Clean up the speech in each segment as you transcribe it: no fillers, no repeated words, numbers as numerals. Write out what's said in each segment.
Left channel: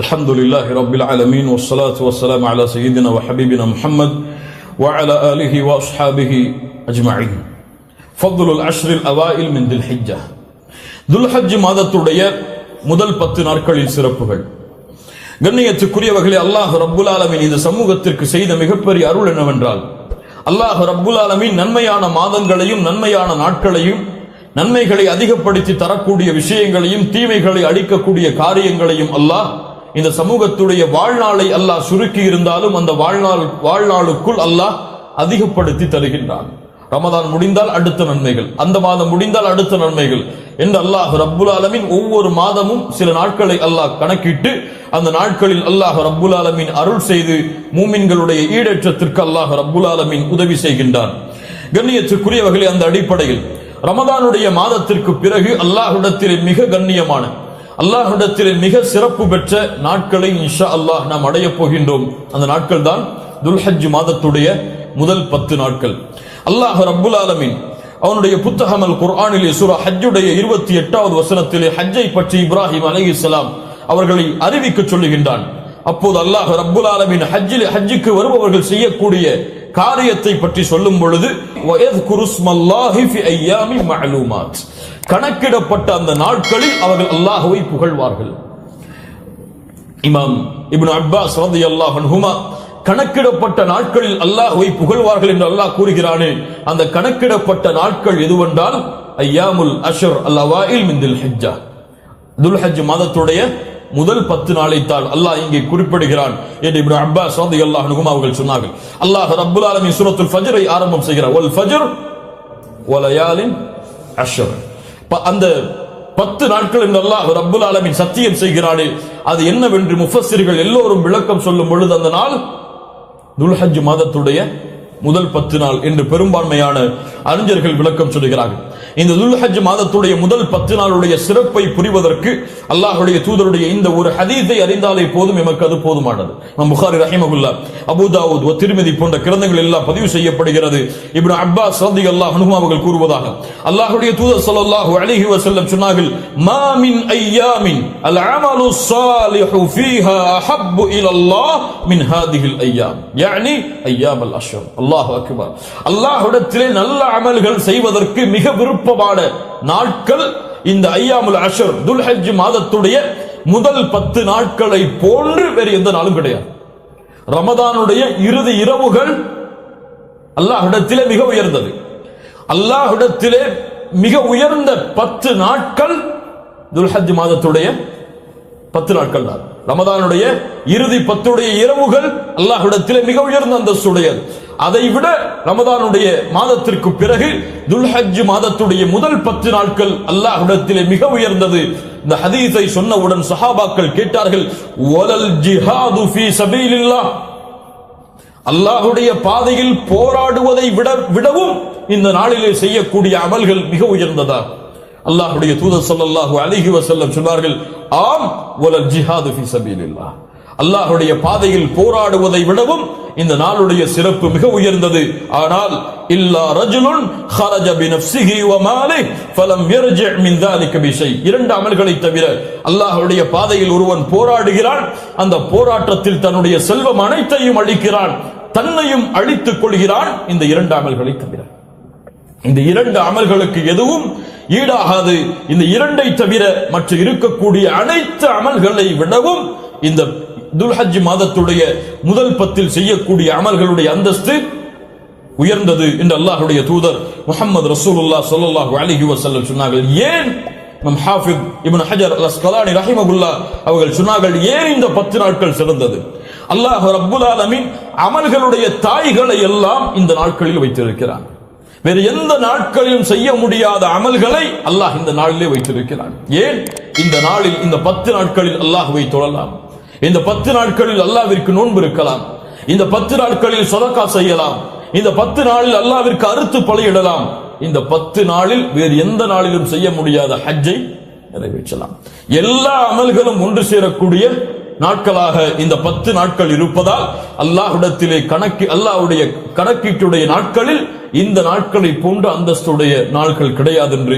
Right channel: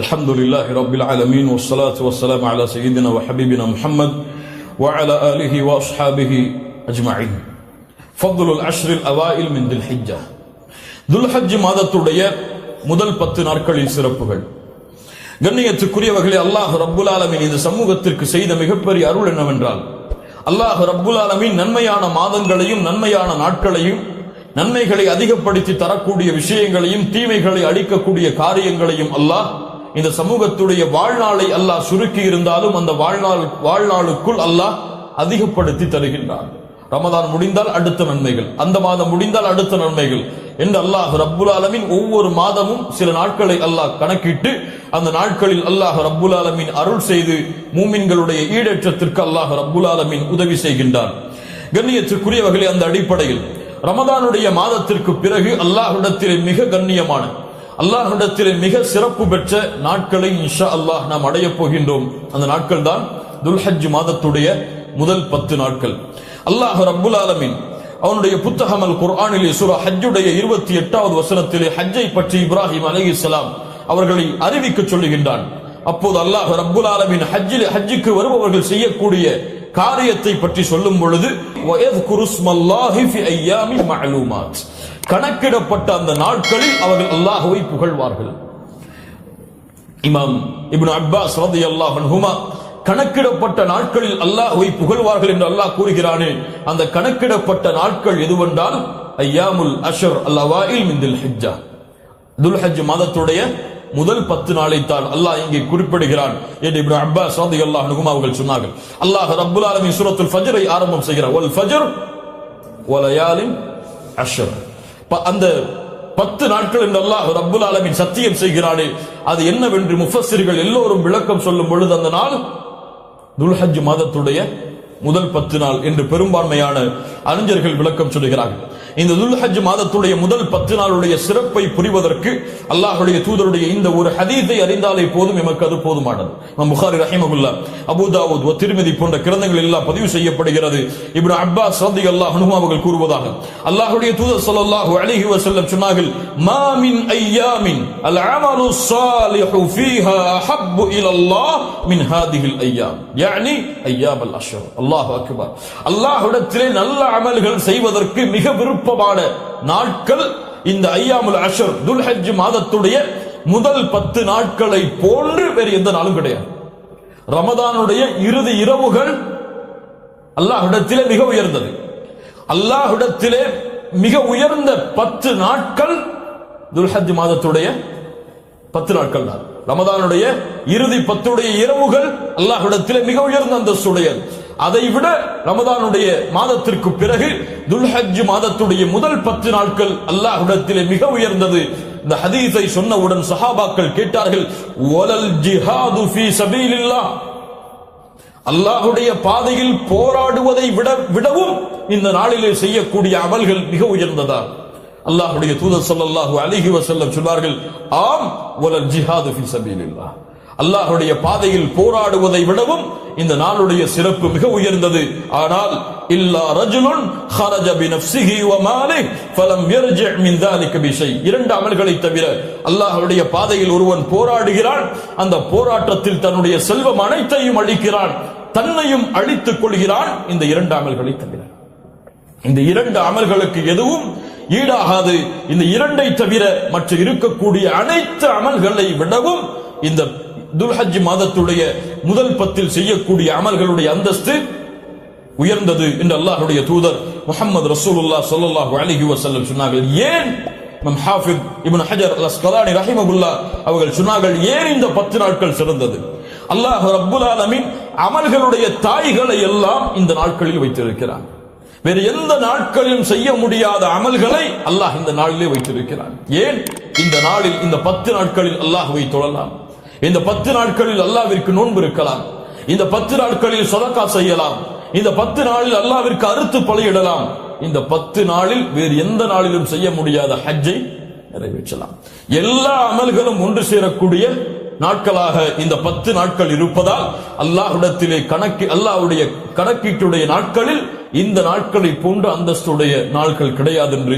الحمد لله رب العالمين والصلاة والسلام على سيدنا وحبيبنا محمد وعلى آله وأصحابه أجمعين. فضل العشر الأوائل من ذي الحجة. ذو الحج மாதத்துடைய முதல் 10 நாட்களின் சிறப்புகள். கண்ணியத்துக்குரியவர்களே, அல்லாஹ் ரப்புல் ஆலமீன் இந்த சமூகத்திற்கு செய்த மிகப்பெரிய அருள் என்னவென்றால், அல்லாஹ் ரப்புல் ஆலமீன் நன்மையான மாதங்களையும் நன்மையான நாட்களையும் நன்மைகளை அதிகப்படுத்தி தரக்கூடிய விஷயங்களையும் தீமைகளை அழிக்கக்கூடிய காரியங்களையும் அல்லாஹ் இந்த சமூகத்துடைய வாழ்நாளை அல்லாஹ் சுருக்கி இருந்தாலும் அந்த வாழ்நாளுக்குள் அல்லாஹ் அதிகப்படுத்தி தருகின்றான். ரமதான் முடிந்தால் அடுத்த நன்மைகள், அந்த மாதம் முடிந்தால் அடுத்த நன்மைகள் என்று அல்லாஹ் ரப்புல் ஆலமீன் ஒவ்வொரு மாதமும் சில நாட்களை அல்லாஹ் கணக்கிட்டு அந்த நாட்களில் அல்லாஹ் ரப்புல் ஆலமீன் அருள் செய்து மூமின்களுடைய ஈடேற்றத்திற்கு அல்லாஹ் ரப்புல் ஆலமீன் உதவி செய்கின்றான். கண்ணியத்துக்குரியவர்களே, அந்த அடிப்படையில் ரமதானுடைய மாதத்திற்கு பிறகு அல்லாஹ்விடத்திலே மிக கண்ணியமான, அல்லாஹ்விடத்திலே மிக சிறப்பு பெற்ற நாட்களை இன்ஷா அல்லாஹ் நாம் அடையப் போகின்றோம். அந்த நாட்கள் தான் துல்ஹஜ் மாதத்துடைய முதல் 10 நாட்கள். அல்லாஹ் ரப்புல் ஆலமீன் அவனுடைய புத்தகம் அல் குர்ஆனிலே சூரா ஹஜ்ஜுடைய 28வது வசனத்திலே ஹஜ்ஜை பற்றி இப்ராஹிம் அலைஹிஸ்ஸலாம் அவர்களை அறிவிக்க சொல்லுகின்றான். அப்போது அல்லாஹ் ரப்புல் ஆலமீன் ஹஜ்ஜுக்கு வருபவர்கள் செய்யக்கூடிய காரியத்தை பற்றி சொல்லும் பொழுது கணக்கிடப்பட்ட அந்த நாட்களில் அவர்கள் அல்லாஹ்வை புகழ்வார்கள். இமாம் இப்னு அப்பாஸ் ரலியல்லாஹு அன்ஹுமா கணக்கிடப்பட்ட நாட்களில் அல்லாஹ்வை புகழ்வார்கள் என்று அல்லாஹ் கூறுகிறானே, அந்த கணக்கிடப்பட்ட நாட்கள் எதுவென்றால் ஐயாமுல் அஷ்ர் அல்-அவாயில் மின் துல் ஹிஜ்ஜா, துல்ஹஜ் மாதத்துடைய முதல் 10 நாளைத்தான் அல்லாஹ் இங்கே குறிப்பிடுகிறான் என்று இப்னு அப்பாஸ் ரலியல்லாஹு அன்ஹுமா அவர்கள் சொன்னார்கள். அல்லாஹ் ரப்புல் ஆலமீன் சூரத்துல் ஃபஜ்ரை ஆரம்பம் செய்கிறார். வல் ஃபஜ்ர் வலயாலின் அஷ்ர். அந்த 10 நாட்கள் என்று அல்லாஹ் ரப்புல் ஆலமீன் சத்தியம் செய்கிறானே, அது என்னவென்று முஃபஸ்ஸிர்கள் எல்லோரும் விளக்கம் சொல்லும் பொழுது அந்த நாள் துல்ஹஜ் மாதத்துடைய முதல் 10 நாள் என்று பெரும்பான்மையான அறிஞர்கள் விளக்கம் சொல்கிறார்கள். இந்த துல்ஹஜ் மாதத்துடைய முதல் 10 நாளுடைய சிறப்பை புரிவதற்கு அல்லாஹ்வுடைய தூதருடைய இந்த ஒரு ஹதீஸை அறிந்தாலே போதும், எமக்கு அது போதுமானது. புகாரி ரஹிமஹுல்லாஹ், அபூ தாவூத், திர்மிதி போன்ற கிரந்தங்கள் எல்லாம் பதிவு செய்யப்படுகிறது. இப்னு அப்பாஸ் ரலியல்லாஹு அன்ஹு அவர்கள் கூறுவதாக, அல்லாஹ்வுடைய தூதர் ஸல்லல்லாஹு அலைஹி வஸல்லம் சொன்னார்கள், மா மின் அய்யாமின் அல் அமலு ஸாலிஹு ஃபீஹா அஹப்பு இலல்லாஹ் மின் ஹாதிஹில் அய்யாம், யானி அய்யாமுல் அஷ்ர். அல்லாஹு அக்பர். அல்லாஹ்விடத்திலே நல்ல அமல்கள் செய்வதற்கு மிக விருப்பமான நாட்கள் இந்த ஐயாமுல் அஷ்ர், துல்ஹஜ் மாதத்துடைய முதல் 10 நாட்களை போன்று வேறு எந்த நாளும் கிடையாது. ரமதானுடைய இறுதி இரவுகள் அல்லாஹ்விடத்திலே மிக உயர்ந்தது. அல்லாஹ்விடத்திலே மிக உயர்ந்த 10 நாட்கள் துல்ஹஜ் மாதத்துடைய 10 நாட்கள் தான். ரமதானுடைய இறுதி 10 இரவுகள் அல்லாஹ்விடத்திலே மிக உயர்ந்த அந்தஸ்துடையது. அதைவிட ரமதானுடைய மாதத்திற்கு பிறகு துல்ஹஜ் மாதத்துடைய முதல் 10 நாட்கள் அல்லாஹ்விடத்திலே மிக உயர்ந்தது. இந்த ஹதீஸை சொன்னவுடன் சஹாபாக்கள் கேட்டார்கள், வலல் ஜிஹாது ஃபீ சபீலில்லாஹ், அல்லாஹ்வுடைய பாதையில் போராடுவதை விடவும் இந்த நாளிலே செய்யக்கூடிய அமல்கள் மிக உயர்ந்ததா? அல்லாஹ்வுடைய தூதர் ஸல்லல்லாஹு அலைஹி வஸல்லம் சொன்னார்கள், ஆம், வலல் ஜிஹாது ஃபீ சபீலில்லாஹ், அல்லாஹ்வுடைய பாதையில் போராடுவதை விடவும் இந்த நாளுடைய சிறப்பு மிக உயர்ந்தது. ஆனால் இல்லா ரஜுலுன் خرج بنفسه وماله فلم يرجع من ذلك بشيء, 2 அமல்களை தவிர அல்லாஹ்வுடைய பாதையில் ஒருவன் போராடுகிறான், அந்த போராட்டத்தில் தன்னுடைய செல்வம் அனைத்தையும் அழிக்கிறான், தன்னையும் அழித்துக் கொள்கிறான், இந்த 2 அமல்களை தவிர. இந்த 2 அமல்களுக்கு எதுவும் ஈடாகாது. இந்த 2ஐ தவிர மற்ற இருக்கக்கூடிய அனைத்து அமல்களை விடவும் இந்த துல்ஹஜ் மாதத்துடைய முதல் 10 செய்யக்கூடிய அமல்களுடைய அந்தஸ்து உயர்ந்தது என்று அல்லாஹ்வுடைய தூதர் முஹம்மது ரசூலுல்லாஹ் ஸல்லல்லாஹு அலைஹி வஸல்லம் சொன்னார்கள். ஏன் இமாம் ஹாஃபிஸ் இப்னு ஹஜர் அல் அஸ்கலானி ரஹிமஹுல்லாஹ் அவர்கள் சொன்னார்கள், ஏன் இந்த 10 நாட்கள் சிறந்தது? அல்லாஹ் ரப்புல் ஆலமீன் அமல்களுடைய தாய்களை எல்லாம் இந்த நாட்களில் வைத்திருக்கிறான். வேறு எந்த நாட்களிலும் செய்ய முடியாத அமல்களை அல்லாஹ் இந்த நாளிலே வைத்திருக்கிறான். ஏன்? இந்த நாளில், இந்த 10 நாட்களில் அல்லாஹ்வை தொழலாம், இந்த 10 நாட்களில் அல்லாஹ்விற்கு நோன்பு இருக்கலாம், இந்த 10 நாட்களில் சதகா செய்யலாம், இந்த 10 நாளில் அல்லாஹ்விற்கு அறுத்து பலியிடலாம், இந்த 10 நாளில் வேறு எந்த நாளிலும் செய்ய முடியாத ஹஜ்ஜை நிறைவேற்றலாம். எல்லா அமல்களும் ஒன்று சேரக்கூடிய நாட்களாக இந்த 10 நாட்கள் இருப்பதால் அல்லாஹ்விடத்திலே அல்லாஹ்வுடைய கணக்கீட்டுடைய நாட்களில் இந்த நாட்களை போன்ற அந்தஸ்துடைய நாட்கள் கிடையாது என்று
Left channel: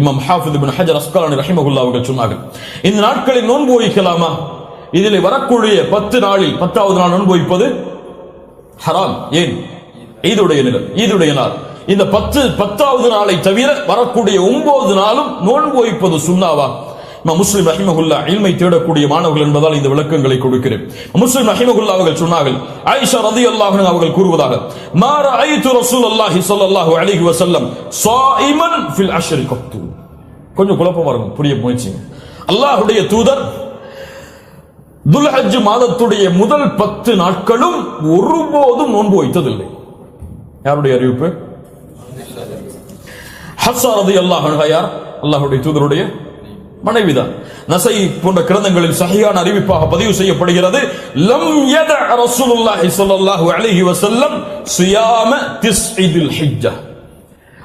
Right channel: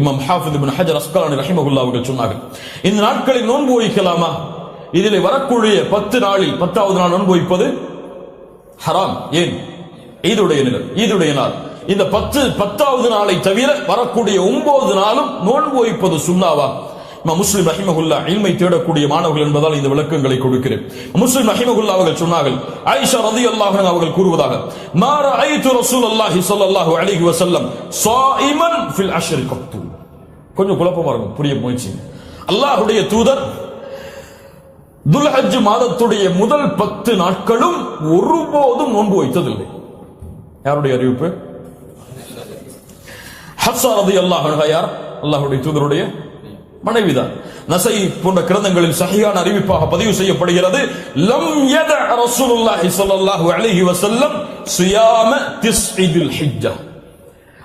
இமாம் ஹாஃபிஸ் இப்னு ஹஜர் அஸ்கலானி ரஹிமஹுல்லாஹ் அவர்கள் சொன்னார்கள். இந்த நாட்களில் நோன்பு வைக்கலாமா? இதில் வரக்கூடிய 10 நாளில் 10வது நாள் நோன்பு வைப்பது ஹராம். ஏன்? ஈதுடைய நாள். இந்த 10வது நாளை தவிர வரக்கூடிய 9 நாளும் நோன்பு வைப்பது சுன்னாவா? முஸ்லிம் ரஹிமஹுல்லா இல்மை தேடக்கூடிய மாணவர்கள் என்பதால் இந்த விளக்கங்களை கொடுக்கிறேன். முஸ்லிம் ரஹிமஹுல்லா அவர்கள் சொன்னார்கள், ஆயிஷா ரலியல்லாஹு அன்ஹா அவர்கள் கூறுவதாக, மா ரஅய்து ரசூலுல்லாஹி ஸல்லல்லாஹு அலைஹி வஸல்லம் ஸாயிமன் ஃபில் அஷ்ர் கத்து. கொஞ்சம் குழப்பமா இருக்கும், புரிய முயற்சி. அல்லாஹ்வுடைய தூதர் துல்ஹஜ் மாதத்துடைய முதல் 10 நாட்களும் ஒருபோதும் நோன்பு வைத்ததில்லை. யாருடைய அறிவிப்பு? ஹப்ஸா ரலியல்லாஹு அன்ஹா யார்? அல்லாஹ்வுடைய தூதருடைய மனைவிதான். நஸை போன்ற கிரந்தங்களில் சஹீஹான அறிவிப்பாக பதிவு செய்யப்படுகிறது, லம் யத ரசூலுல்லாஹி ஸல்லல்லாஹு அலைஹி வஸல்லம் ஸியாம திஸ்இல் ஹிஜ்ஜா.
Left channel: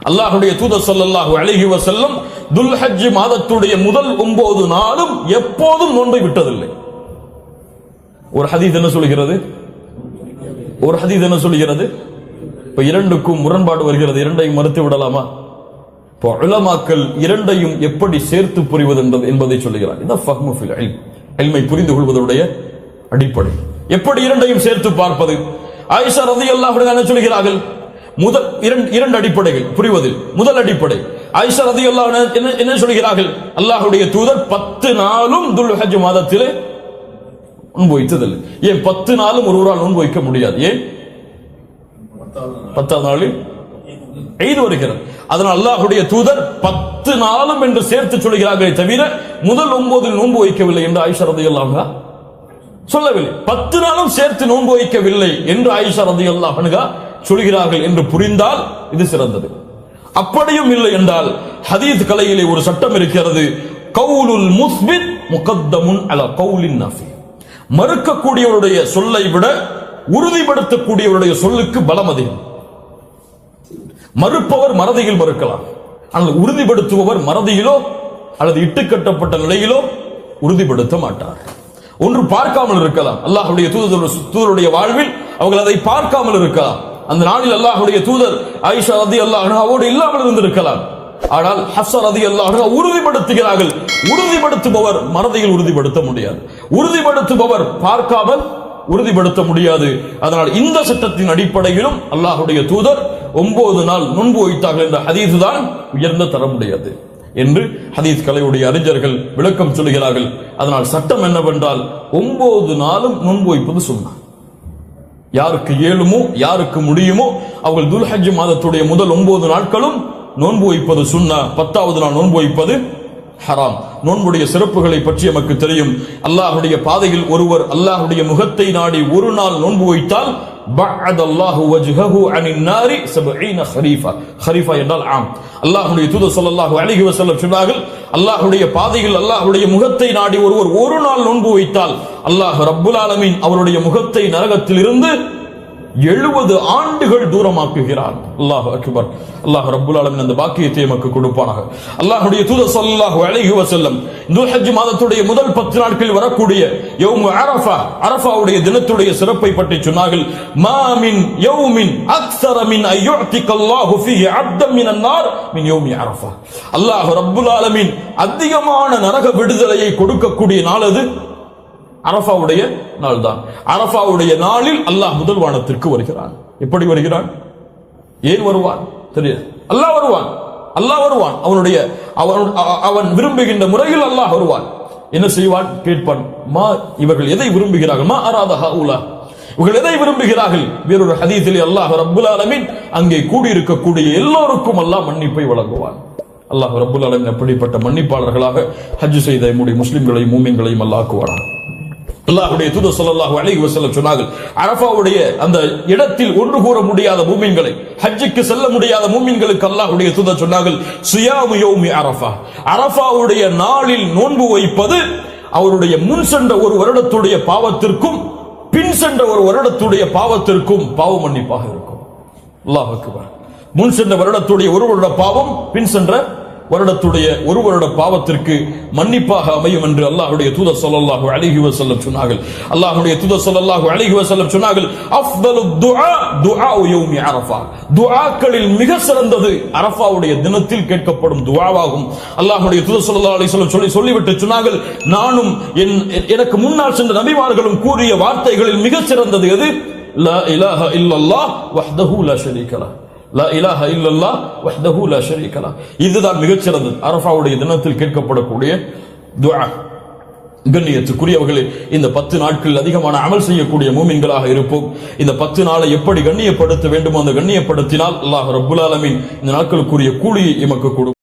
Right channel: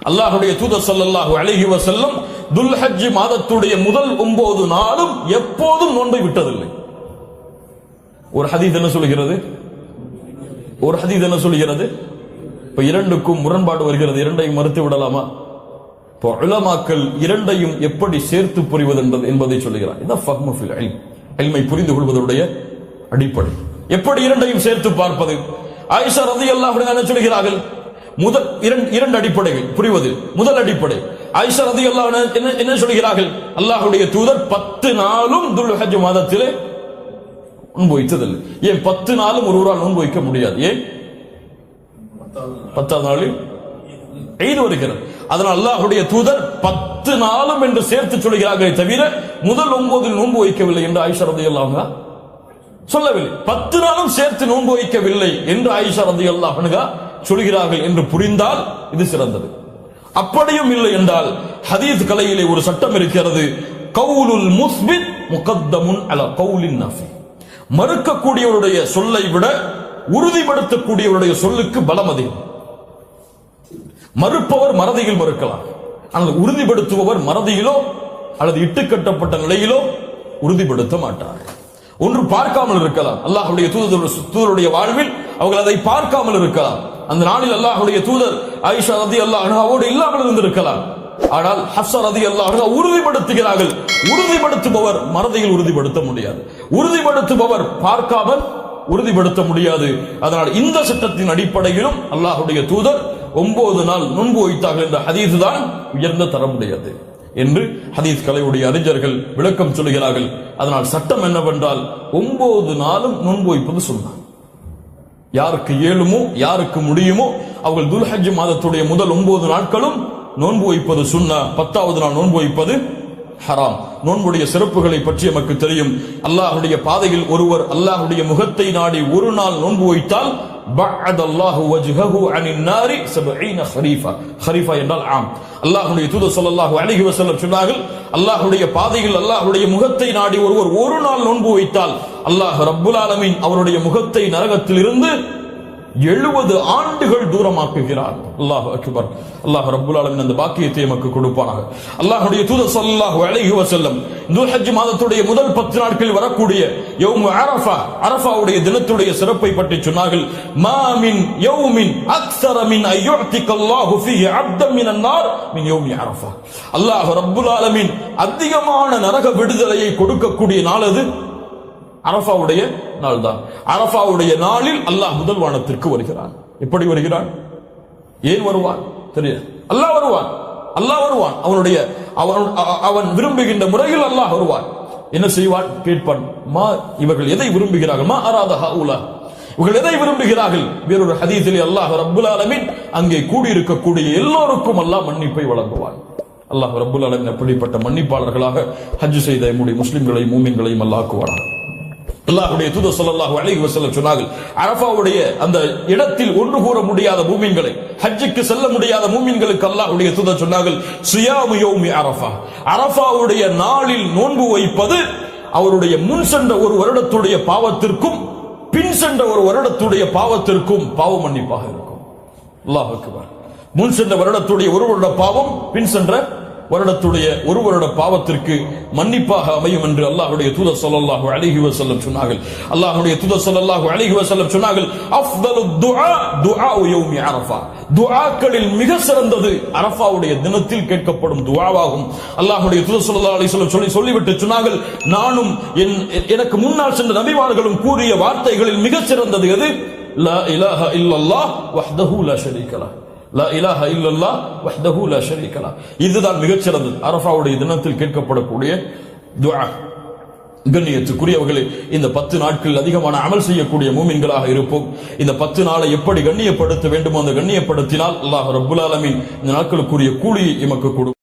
அல்லாஹ்வுடைய தூதர் ஸல்லல்லாஹு அலைஹி வஸல்லம் துல்ஹஜ் மாதத்துடைய முதல் 9 நாளும் எப்போதும் நோன்பை விட்டதில்லை. ஒரு ஹதீஸ் என்ன சொல்கிறது? இப்ப இரண்டுக்கும் முரண்பாடு வருகிறது. இரண்டையும் மறுத்து விடலாமா? உலமாக்கள் இரண்டையும் எப்படி சேர்த்து புரிவது என்பதை சொல்லுகிறார். இல்மை புரிந்து கொள்வதுடைய அடிப்படை. எப்படி இரண்டையும் சேர்த்து பார்ப்பது? ஆயிஷா ரலியல்லாஹு அன்ஹா சொல்கிறார்கள், முதல் இரண்டு அடிப்படைகள் புரிவது. முதல் அடிப்படை, ஆயிஷா ரலியல்லாஹு அன்ஹா என்ன சொல்கிறார்கள்? அல்லாஹ்வுடைய தூதர் 10 நாளும் துல்ஹஜ் மாதத்திலே நோன்பு வைத்ததில்லை. ஏன் 10 நாளும் ஒருவரால் நோன்பு வைக்க முடியாது? ஏன்? 10வது நாளில் ஈத் வருகிறது. அதனால் அல்லாஹ்வுடைய தூதர் 10 நாளும் என்று சேர்த்து சொல்கிறார்களே தவிர முதல் 9 நோன்பு வைக்கவில்லை என்று ஆயிஷா ரலியல்லாஹு அன்ஹா சொல்லவில்லை. 10 நாளும் சேர்த்து நோன்பு வைக்கவில்லை என்று ஆயிஷா ரலியல்லாஹு அன்ஹா சொல்கிறார்கள் என்று புரிந்தால் இது சிறந்தது. அப்படியும் இல்லை என்றால் ஹதீஸ் கலையிலே ஒரு சட்டம் இருக்கிறது, கவுலுல் முஸ்பித் முகத்தமுன் அலா கவுலின் நாஃபி. மறுக்கக்கூடியவருடைய சொல்லை விட உறுதிப்படுத்தக்கூடியவருடைய சொல்லுக்கு பலம் அதிகம். மறுப்பவர் மறதியில் மறுக்கலாம், ஆனால் உறுதிப்படுத்துபவர் மறதியிலோ அல்லது இட்டுக்கட்டப்பட்ட நிலையிலோ உறுதிப்படுத்த மாட்டார். ஒன்று பார்க்காமல் இருக்கலாம். அல்லாஹ்வுடைய தூதருடைய வாழ்வில் அவர்கள் அதை பார்க்காமல் இருக்கலாம். அந்த நாளில் அல்லாஹ்வுடைய தூதர் ஆயிஷா ரலியல்லாஹு அன்ஹாவோடு இல்லாமல் இருந்திருக்கலாம். ஆனால் ஹப்ஸா ரலியல்லாஹு அன்ஹா உறுதிப்படுத்துகிறார்கள். உறுதிப்படுத்துபவர் மறதியில் உறுதிப்படுத்த முடியாது, உறுதிப்படுத்துபவர் பார்க்காமல் உறுதிப்படுத்த முடியாது. அதனால் இந்த சட்டத்தின் அடிப்படையிலும் அல்லாஹ்வுடைய தூதர் 9 நாள் நோன்பு வைத்தார்கள் என்ற ஹதீஸ் தான் உயர்ந்த தரமுடையது என்று ஹதீஸ் கலையுடைய அறிஞர்கள் விளக்கம் சொல்கிறார்கள். அதனால் சட்டம் என்னவென்றால் 9 நாளும் நோன்பு வைப்பது சுன்னா. யாருக்கு இயலுமோ யாருக்கு முடியுமோ அவர்கள் துல்ஹஜ் மாதத்துடைய முதல் 9 நாட்களும் நோன்பு வைப்பது சுன்னா. 10வது நாள் நோன்பு வைப்பது ஹராம். நோன்புடைய சிறப்புகளை பற்றி நமக்கு தெரியும். அல்லாஹ்வுடைய பாதையில் ஒருவர் அல்லாஹ்வுடைய முகத்தை நாடி ஒரு நாள் நோன்பு வைத்தால் பஅதல்லாஹு வஜ்ஹஹு அனின் நாரி 70 ഖരീஃபா. ഖരീஃபா என்றால் ஆம். அல்லாஹ்வுடைய தூதர் ஸல்லல்லாஹு அலைஹி வஸல்லம் சொன்னார்கள், அல்லாஹ்வுடைய பாதையில் அல்லாஹ்வுடைய முகத்தை நாடி ஒருவர் ஒரு நாள் நோன்பு வைத்தால் அல்லாஹ் ரப்புல் ஆலமீன் அவருடைய முகத்தை நரகத்தில் இருந்து 70 ஆண்டுகள் தூரமாக்குகிறார். அல்லாஹ் அக்பர். அல்லாஹ் ரப்புல் ஆலமீன் அந்த பாக்கியத்தை நமக்கு கொடுப்பானாக. அல்லாஹ்வுடைய தூதர் ஸல்லல்லாஹு அலைஹி வஸல்லம் துல்ஹஜ் மாதத்துடைய முதல் 10 நாட்களில் வரக்கூடிய யௌம் அரஃபா, அரஃபாவுடைய தினத்துடைய சிறப்பை பற்றி சொன்னார்கள். மா மின் யௌமின் அக்ஸர மின் அய்யுஅதிகல்லாஹு ஃபீஹி அப்தன் மினன் நார் மின் யௌமி அரஃபா. அல்லாஹ் ரப்புல் ஆலமீன் அதிகமான நரக விடுதலையை கொடுக்கக்கூடிய நாள் அது அரஃபாவுடைய நாள் தான். அரஃபாவுடைய நாளில் அல்லாஹ் முதல் வானத்திற்கு வருகிறான். எப்படி வருகிறான்? ஏன் வருவான் தெரியாது. அல்லாஹ் வருவான். அவன் விரும்புகின்ற முறையில் அல்லாஹ் வருவான். என்ன செய்வான்? கேட்பான், மா இவர்கள் எதை விரும்புகிறார்கள்? மா அராத ஹாஉலா, இவர்கள் எதை விரும்புகிறார்கள்? வேறொரு ஹதீஸிலே அல்லாஹ் ரப்புல் ஆலமீன் அங்கே கூடியிருக்கக்கூடிய எல்லோருக்கும் அல்லாஹ் மன்னிப்பை வழங்குவான். அல்லாஹ் ரப்புல் ஆலமீன் அப்படிப்பட்ட மன்னிப்பாளர்களாக ஹஜ் செய்த நம்முடைய முஸ்லிம்களையும் மூமின்களையும் அல்லாஹ் ஆக்குவானாக. அல்லாஹ்வுடைய தூதர் ஸல்லல்லாஹு அலைஹி வஸல்லம் சொன்னார்கள், அரஃபாவுடைய அந்த இடத்தில் ஒன்று கூற முடியாத மூமின்களை, ஹஜ்ஜுக்கு செல்ல முடியாத மூமின்களுக்கு அல்லாஹ்வுடைய தூதர் சொன்னார்கள், ஸியாமு யௌமி அரஃபா, அரஃபாவுடைய நாளில் நோன்பு வைப்பது அவருடைய முன் சென்ற ஒரு வருடத்துடைய பாவத்திற்கும் பின் சென்ற ஒரு வருடத்துடைய பாவத்திற்கும் பாவ மன்னிப்பாக இருக்கும். அல்லாஹ் அக்பர். முன் சென்ற வருடத்துடைய ஒரு வருட பாவம், பின் சென்ற வருடத்துடைய ஒரு வருட பாவத்திற்கு மன்னிப்பாக அமையும் என்று அல்லாஹ்வுடைய தூதர் ஸல்லல்லாஹு அலைஹி வஸல்லம் சொன்னார்கள். அல்லாஹ்வுடைய தூதர் ஸல்லல்லாஹு அலைஹி வஸல்லம் சொன்னார்கள், அஃதலு துஆ துஆஉ யௌமி அரஃபா. துஆக்களில் மிக சிறந்தது அரஃபாவுடைய தினத்தில் கேட்கப்படும் துஆவாகும். அல்லாஹ்வுடைய தூதர் ஸல்லல்லாஹு அலைஹி வஸல்லம் சொல்லிவிட்டு சொன்னார்கள், நானும் எனக்கு முன்னால் சென்ற நபிமார்களும் கூறிய வார்த்தைகளில் மிக சிறந்தது எது? லா இலாஹா இல்லல்லாஹ் வஹ்தஹு லா ஷரீக லஹ். லா இலாஹா இல்லல்லாஹ் வஹ்தஹு லா ஷரீக லஹ். இதுதான் மிகச் சிறந்தது அரஃபாவுடைய தினத்தில் கேட்கப்படக்கூடிய துஆ. கண்ணியத்துக்குரியவர்களே, இந்த 10 நாட்களில் அதிகமான அமல் செய்யக்கூடிய மூமின்களாக இருப்போம். இந்த 10 நாளை எப்படி கண்ணியப்படுத்த வேண்டுமோ அந்த கண்ணியப்படுத்தினால் அல்லாஹ் ரப்புல் ஆலமீன் இந்த நாட்களுக்குரிய கூலியை எமக்கு கொடுக்கும்.